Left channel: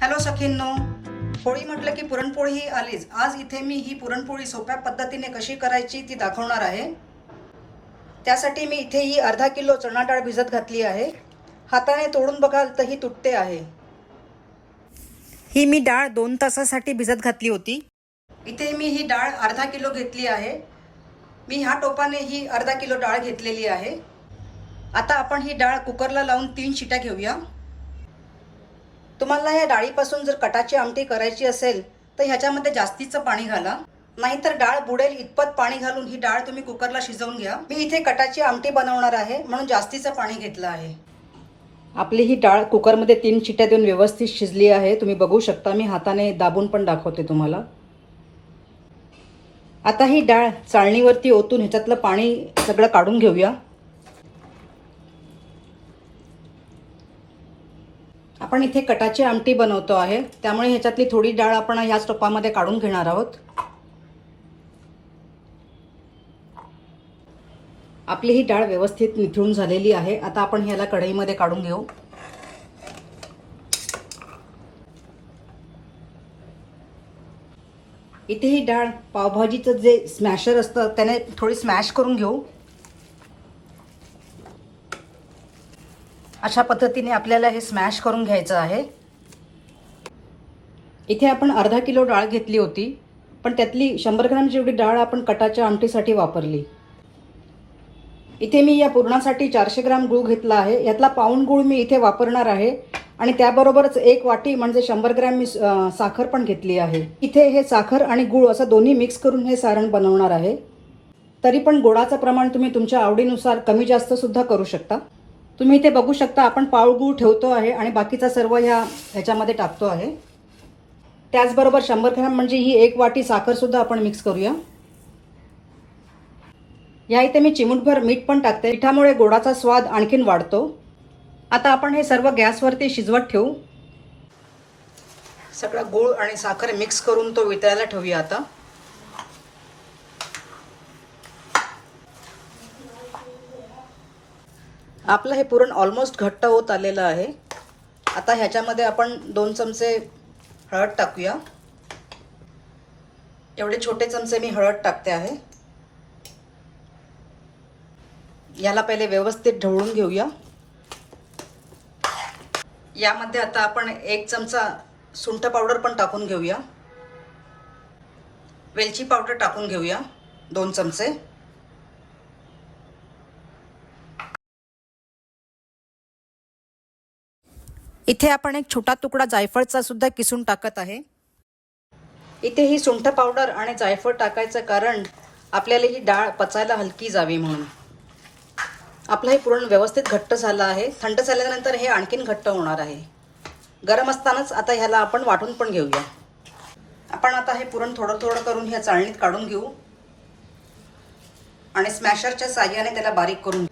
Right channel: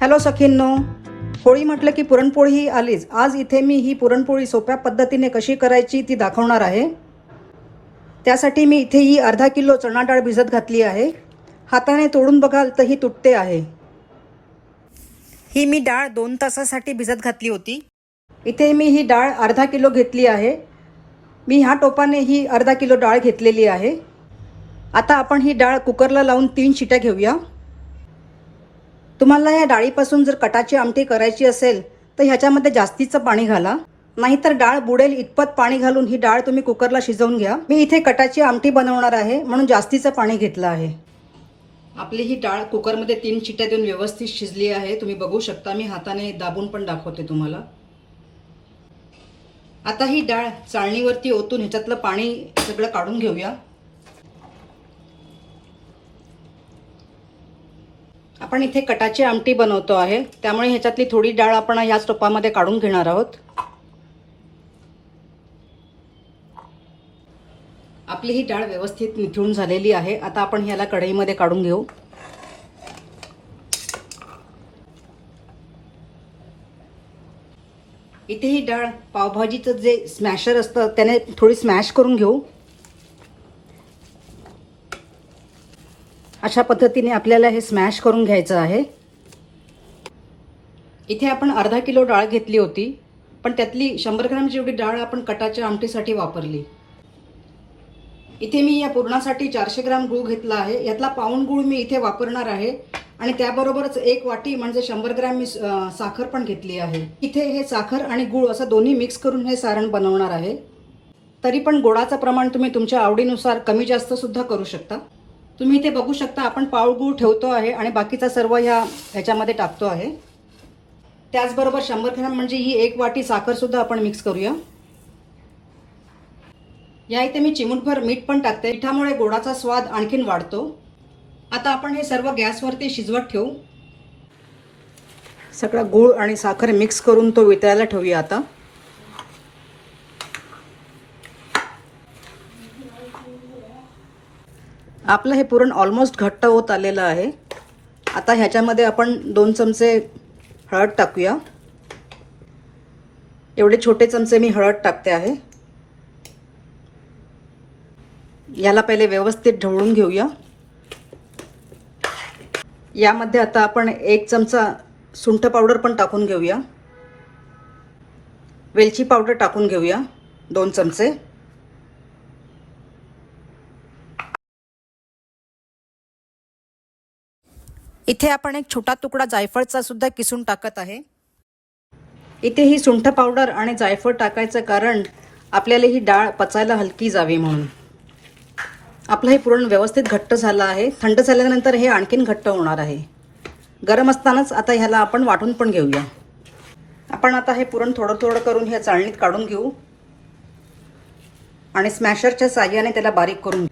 Hello सखींनो, Holi म्हटलं की पुरणपोळी ही आलीच. आज इथे मी ही पुरणपोळी सोप्या पद्धतीने कशी करायची ती दाखवणार आहे. त्यासाठी मी इथे ही अर्धा किलो चणा डाळ भिजत घातली आहे. हाताने तोडून बघाल तर ही तुटते आहे. ही मी डाळ 2 तासासाठी भिजत घातली होती. इथे मी ही डाळ अर्धा किलो घेतली आहे. मी ह्या टोपाने ही अर्धा किलो डाळ घेतलेली आहे. आता आपण ही डाळ कुकरला लावून 3 शिट्या घेऊया. तुम्हाला या डाळीपासून जर कटाची आमटी करायची असेल तर ह्याच्यामध्ये जास्तीचं पाणी घाला, नाहीतर डाळ बुडेल इतपत पाणी घालून ही डाळ तुम्ही कुकरला शिजवून घ्या. मी इथे कटाची आमटी बनवणार आहे म्हणून जास्तीचं पाणी घेतलं आहे. आपली ही डाळ कुकरमध्ये 3 शिट्या देऊन व्यवस्थित शिजली आहे. तुम्ही बघू शकता, मी हाताने दाबून पण दाखवते तुम्हाला. आता ही डाळ चाळणीवरती ओतून ह्याच्यातलं पाणी सगळं काढून घेऊया. आपण इथे कटाची आमटी बनवतो आहे, त्यामुळे ह्याच्यातली थोडी डाळ आपण ह्याच टोपामध्ये काढून घेणार आहोत. आपली ही डाळ व्यवस्थित निथळून झालेली आहे. आता आपण ह्याला कढईमध्ये काढून घेऊ. इथे ही डाळ पावभाजीचं जे स्मॅशर असतं त्याने थोडी स्मॅश करून घेऊ. अशा पद्धतीने आपल्याला हे स्मॅश करून घ्यायचं आहे. इथे आपण अर्धा किलो डाळ घेतली होती, पण त्यातली 100 ग्रॅम जेवढी डाळ आपण कटाच्या आमटीसाठी वापरली. इथे मी या पुरणासाठी 400 ग्रॅम गूळ घेतला आहे. यातला पाऊण गूळ मी इथे वापरणार आहे आणि त्याबरोबरच 1 वाटी म्हणजे 100 ग्रॅम मी साखर पण घेतली आहे. इथे हे साखर आणि गूळ असं दोन्ही मिक्स करून हे सारण बनवणार आहे. तरी पण गोडाचं प्रमाण तुम्ही तुमच्या आवडीनुसार कमी जास्त सुद्धा करू शकता. तुम्ही इथे बघू शकता, आपण पाव गूळ ठेवतो आहे आणि बाकीचा सर्व ह्याच्यामध्ये टाकतो आहे. त्याचबरोबर 100 ग्रॅम म्हणजे ही 1 वाटी साखर सुद्धा आपण मिक्स करूया. या इथे मी चिमूटभर मीठ पण टाकते. मिठामुळे गोडाचा स्वाद आणखीन वाढतो. आता आपण हे सर्व गॅसवरती शिजवत ठेवू. सगळा गूळ आणि साखर मिक्स करून तो वितळायला ठेवूया. आता आपलं हे पुरण ऑलमोस्ट घट्ट होत आलेलं आहे. आता ह्याच्यामध्ये आपण 2 चमचे हळद टाकूया. एवढे छोटे चमचे मी हळद टाकते आहे. याला पहिले व्यवस्थित ढवळून घेऊया. यामध्ये आता आपण 1 चमचा सुंठ पावडर पण टाकून घेऊया. वेलची पावडर टाकून घेऊया 2 चमचे. इथे आपण एक छोटा तुकडा जायफळचा सुद्धा किसून टाकत आहे. इथे ही सुंठ पावडर आणि जायफळ टाकायचं कारण आपल्याला ही डाळ पचायला हलकी जावी म्हणून. आपलं हे पुरण व्यवस्थित घट्ट झालं आहे. थंड झाल्यानंतर हे आणखीन घट्ट होणार आहे. गरम असतानाच आता ह्याला आपण वाटून पण घेऊया. आपण आता हे पुरण थोडं थोडं करून ह्या चाळणीत काढून घेऊ आणि स्मॅशरच्या साहाय्याने त्याला बारीक करून घेऊ.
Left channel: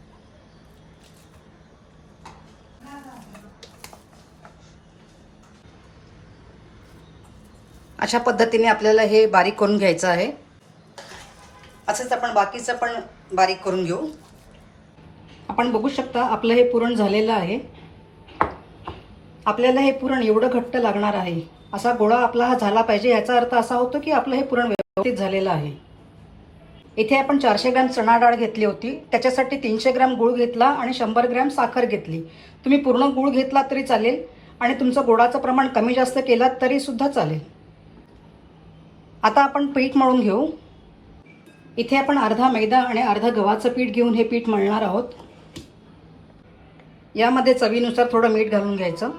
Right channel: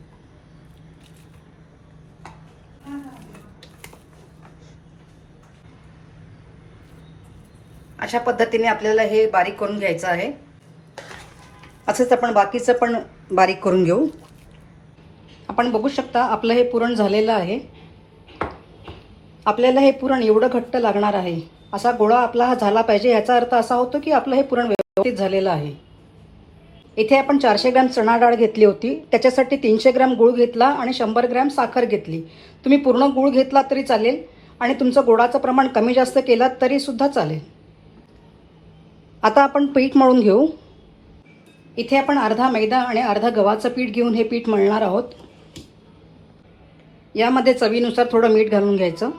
अशा पद्धतीने आपल्याला हे बारीक करून घ्यायचं आहे. असंच आपण बाकीचं पण बारीक करून घेऊ. आपण बघू शकता, आपलं हे पुरण झालेलं आहे. आपल्याला हे पुरण एवढं घट्ट लागणार आहे. असा गोळा आपला हा झाला पाहिजे. याचा अर्थ असा होतो की आपलं हे पुरण व्यवस्थित झालेलं आहे. इथे आपण 400 ग्रॅम चणा डाळ घेतली होती, त्याच्यासाठी 300 ग्रॅम गूळ घेतला आणि 100 ग्रॅम साखर घेतली. तुम्ही पूर्ण गूळ घेतला तरी चालेल आणि तुमचं गोडाचं प्रमाण कमी जास्त केलात तरी सुद्धा चालेल. आता आपण पीठ मळून घेऊ. इथे आपण अर्धा मैदा आणि अर्धा गव्हाचं पीठ घेऊन हे पीठ मळणार आहोत. यामध्ये चवीनुसार थोडं मीठ घालून घ्यायचं.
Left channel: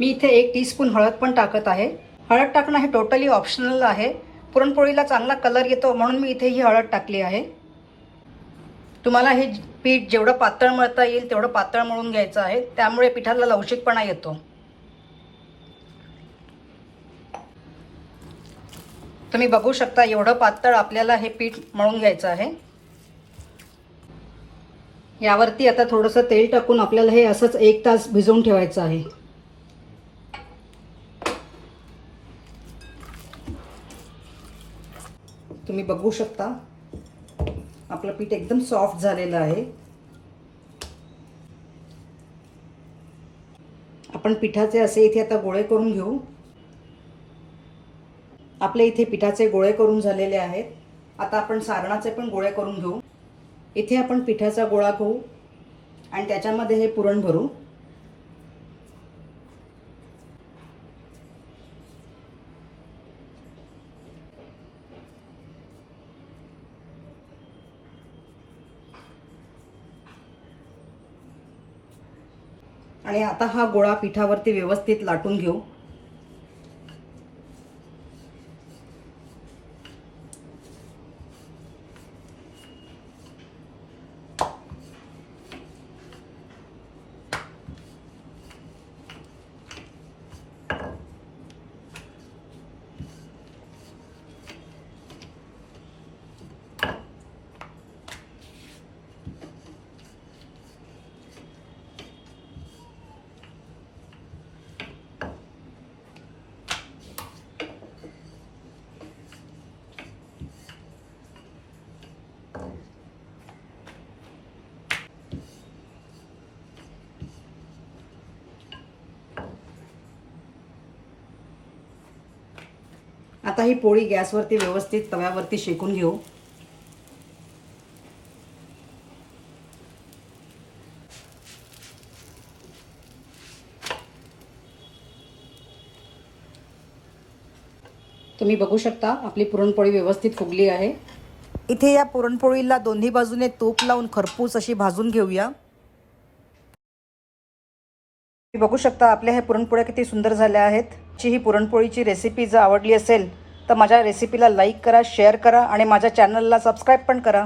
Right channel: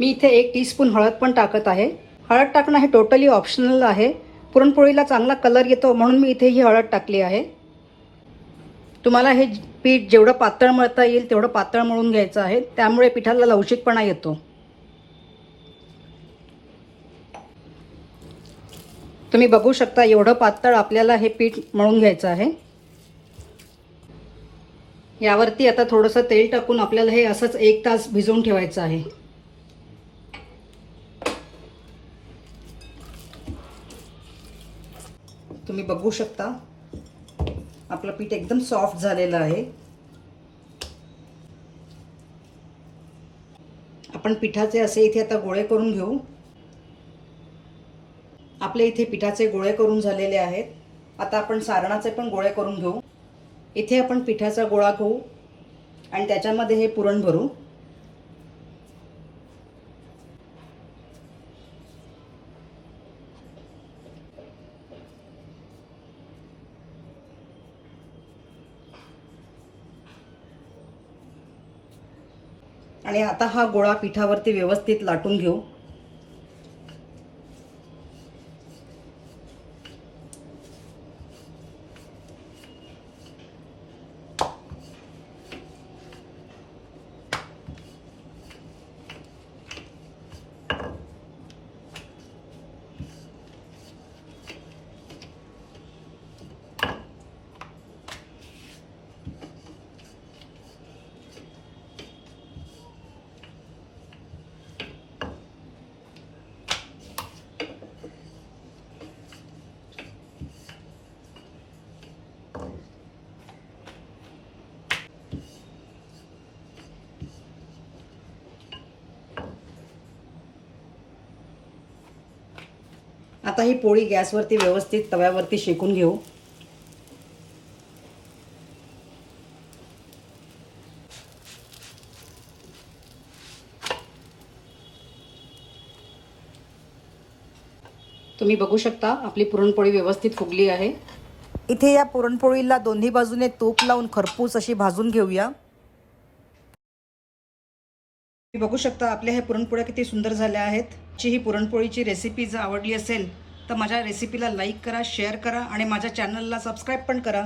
मी इथे 1 टीस्पून हळद पण टाकत आहे. हळद टाकणं हे टोटली ऑप्शनल आहे. पुरणपोळीला चांगला कलर येतो म्हणून मी इथे ही हळद टाकली आहे. तुम्हाला हे पीठ जेवढं पातळ मळता येईल तेवढं पातळ मळून घ्यायचं आहे. त्यामुळे पिठाला लवचिकपणा येतो. तुम्ही बघू शकता, एवढं पातळ आपल्याला हे पीठ मळून घ्यायचं आहे. यावरती आता थोडंसं तेल टाकून आपल्याला हे असंच 1 तास भिजवून ठेवायचं आहे. तुम्ही बघू शकता, आपलं पीठ एकदम सॉफ्ट झालेलं आहे. आपण पिठाचे असे इथे आता गोळे करून घेऊ. आपले इथे पिठाचे गोळे करून झालेले आहेत. आता आपण सारणाचे पण गोळे करून घेऊ. इथे आपण पिठाचा गोळा घेऊ आणि त्याच्यामध्ये हे पुरण भरू. आणि आता हा गोळा पिठावरती व्यवस्थित लाटून घेऊ. आता ही पोळी गॅसवरती व्यवस्थित तव्यावरती शेकून घेऊ. तुम्ही बघू शकता आपली पुरणपोळी व्यवस्थित फुगली आहे. इथे या पुरणपोळीला दोन्ही बाजूने तूप लावून खरपूस अशी भाजून घेऊया. तुम्ही बघू शकता आपल्या ह्या पुरणपोळ्या किती सुंदर झाल्या आहेत. ही पुरणपोळीची रेसिपी जर आवडली असेल तर माझ्या रेसिपीला लाईक करा, शेअर करा आणि माझ्या चॅनलला सबस्क्राईब पण करा.